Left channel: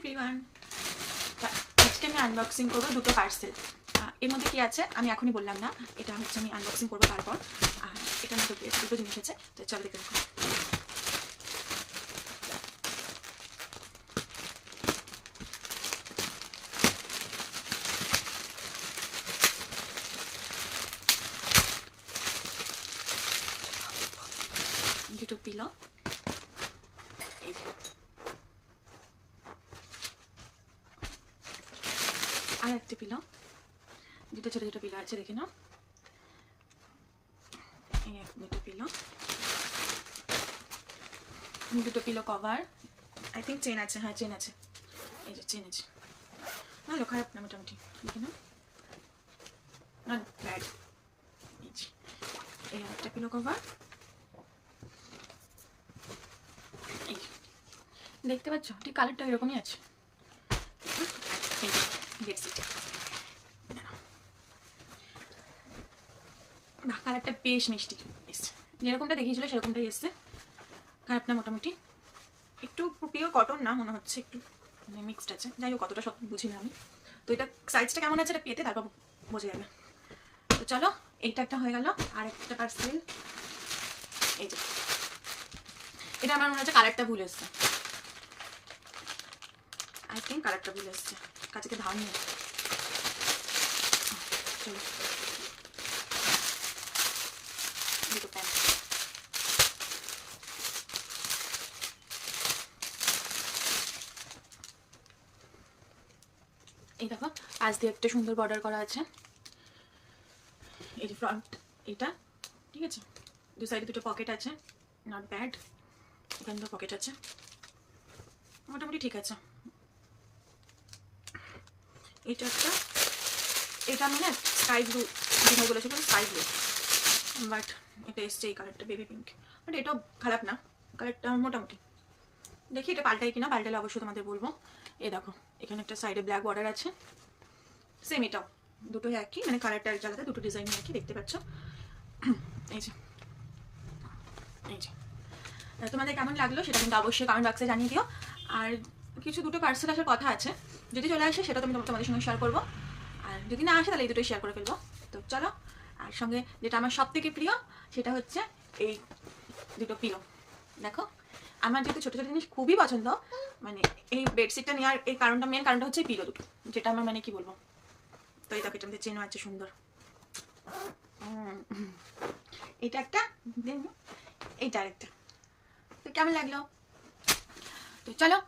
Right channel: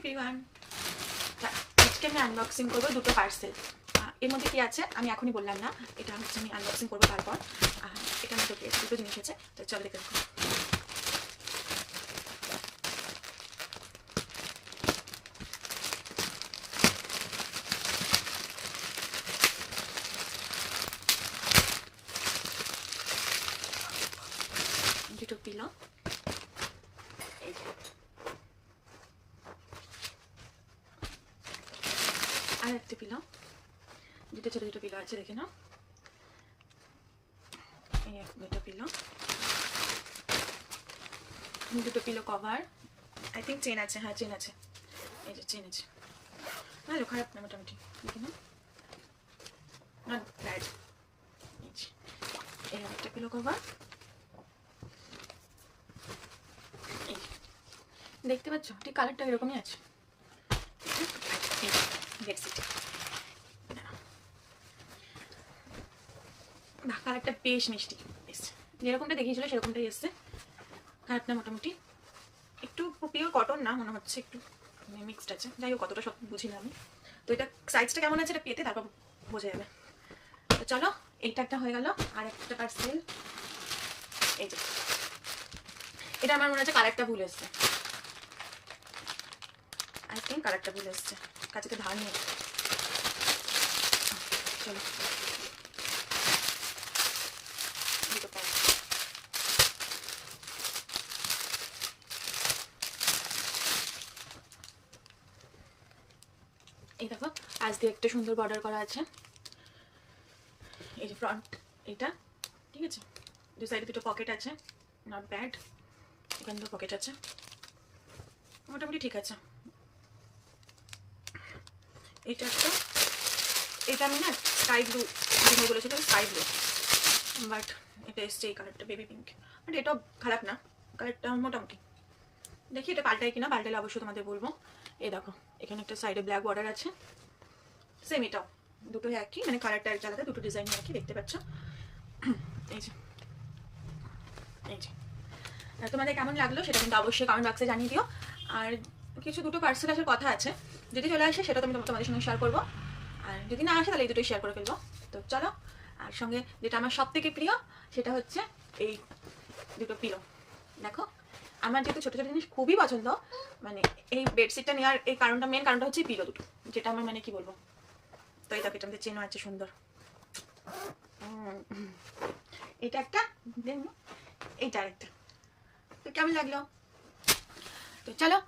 Everyone, আজকে আমি unboxing করবো দুটো পার্সেল। এর মধ্যে কি আছে আমি এখনই বললাম না, এটা হচ্ছে আমি আনবক্সিং করবো তারপর। এটার মধ্যে দুটো জিনিস আছে, তো চলো দেখে দেখো। দুটো পিলো, আর একটা পিলো, দুটো ছোটো ছোটো পিলো আছে দেখে নাও। এই দুটো পিলো, দুটো pillow cover, I think chain আছে, হ্যাঁ চেন আছে, এই যে চেন আছে, ভালো খারাপ না মোটামুটি দেখে নাও, নট ব্যাড। এই একটা পিলো কভার, দেখতে পাচ্ছ ঠিক কালারটা এরকমই আছে। কালারটা বেশ মিষ্টি এসছে, যেরকমটা দেখিয়েছিল সেরকমটাই এসছে, খারাপ না মোটামুটি। একটু পিওর কটন না মনে হচ্ছে, একটু মিক্সড আছে, যাই হোক কতটা সব বুঝি না আমি। তো এটা সাইজটা কেমন আছে এটা পেতে তারপর বোঝা যাবে। তো চলো, এইটা একটা হয়ে গেল। আর একটা পার্সেল, এই যে এটা আমার মনে হচ্ছে কালারটা ভুল এসছে, আই থিঙ্ক কালারটা ভুল এসছে, কাছে ধার নিয়ে। চলো দুটো প্যান্ট, এই দেখো আজ দিয়ে একটা সুন্দর বর্ডার করা আছে, এই যে ফ্রন্ট এটা, ঠিক আছে, দু সাইডে দুটো পকেট আছে, নট ব্যাড। এখানে দুটো পকেট আছে, মোটামুটি ঠিক আছে। এটা একটা, এটা আমি না স্কাই ব্লু দিনে বলেছিল, স্কাই ব্লু, বাট এটা এসছে এই কালারটা বেবি পিঙ্ক, বাট এটাও খারাপ না, কালারটা মোটামুটি। দেখি এটা পাল্টাই কিনা, পাল্টালে অবশ্যই তোমাদের বলবো। এই দেখো এখানে একটা সাইডে ব্ল্যাক বর্ডার আছে, সেম এটাও, দুটোই একই, মানে কালারটা আলাদা, দুটো ডিজাইন একই, দেখতে পাচ্ছ। এই যে এই যে তোমাদের কেমন লাগলো সেটা কিন্তু অবশ্যই কমেন্ট বক্সে জানিয়ে দিও। আর কিছু দুটো পার্সেল আসার কথা আছে, যদি চলে আসে সেটা তো আমি তোমাদের সঙ্গে শেয়ার করবো, আর যদি না আসে তাহলে এই দুটোই শেয়ার করে ফেলবো। তো চলো, আর সঙ্গে যেটা আমার সব থেকে প্রিয় সেটা হচ্ছে এই দুটো পিলো। দেখো আমার যেহেতু ছোটো ছোটো জিনিস খুবই পছন্দ, মানে এই বেডশিটটা নেওয়ার এই কারণটা, মেন কারণটা হচ্ছে এই পিলো দুটো, যেটা আমার মানে কি বলবো। তো এই দেখো এটা আমাদের চেনও আছে সুন্দর, এটা একটা, এইটা আরেকটা। তো কেমন লাগলো? তো চলো